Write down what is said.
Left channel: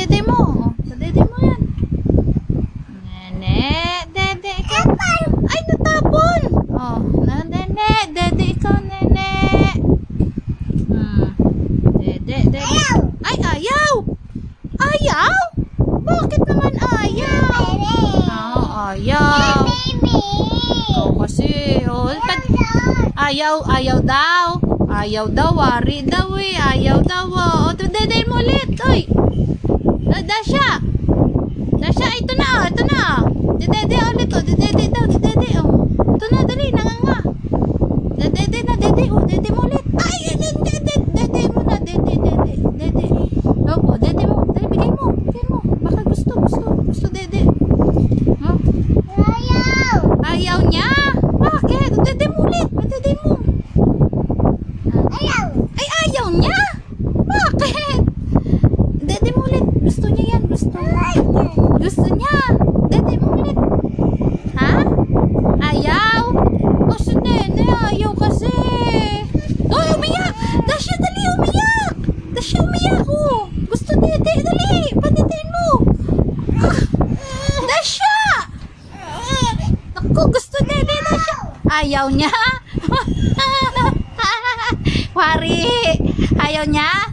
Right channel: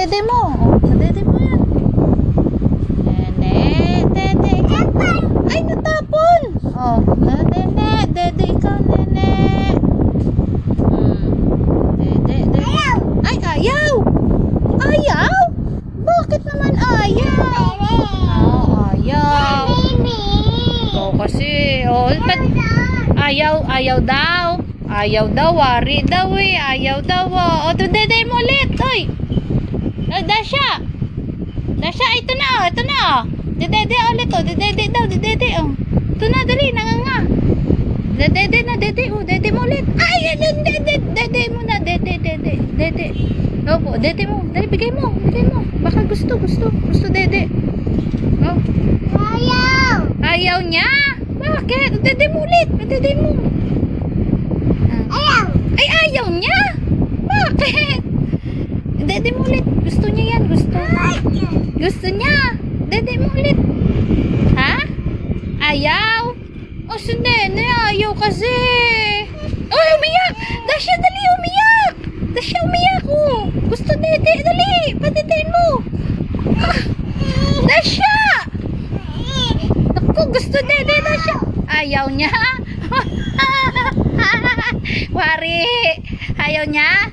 dede mo. Sa dede mo yan. Nene, dede ikaw. Ay, natapon. Nene, dede ikaw, nene. Dede. Ay, ayaw. Ayaw? Bakit naman ayaw? Ayaw. Ikaw kasi. Ayaw daw. Ayaw daw, wari daw eh. Ayaw daw. Dede mo ulit. Oy. Dasha, ito na. Dede ulit. Dede daw. Ito na, dali. Nanganga. Dede mo ulit. Ay, dede mo na. Dede. Opo, dede mo. Dali, bigay mo. Baka gusto, dede. Ayaw niya. Bakit? Dede mo ulit. Dede mo. Ay, ayaw niya. Bakit? Dede mo ulit. Gusto niya yan. Gusto niya. Dede mo ulit. Ha? Ayaw? Si Nene, ayaw kasi. Umiyak. Dasha, dali, umiyak. Gusto dede, dali. Patitin mo. Dasha. Ako, gusto dede, Dasha. Ayaw niya. Wari. Ayaw niya.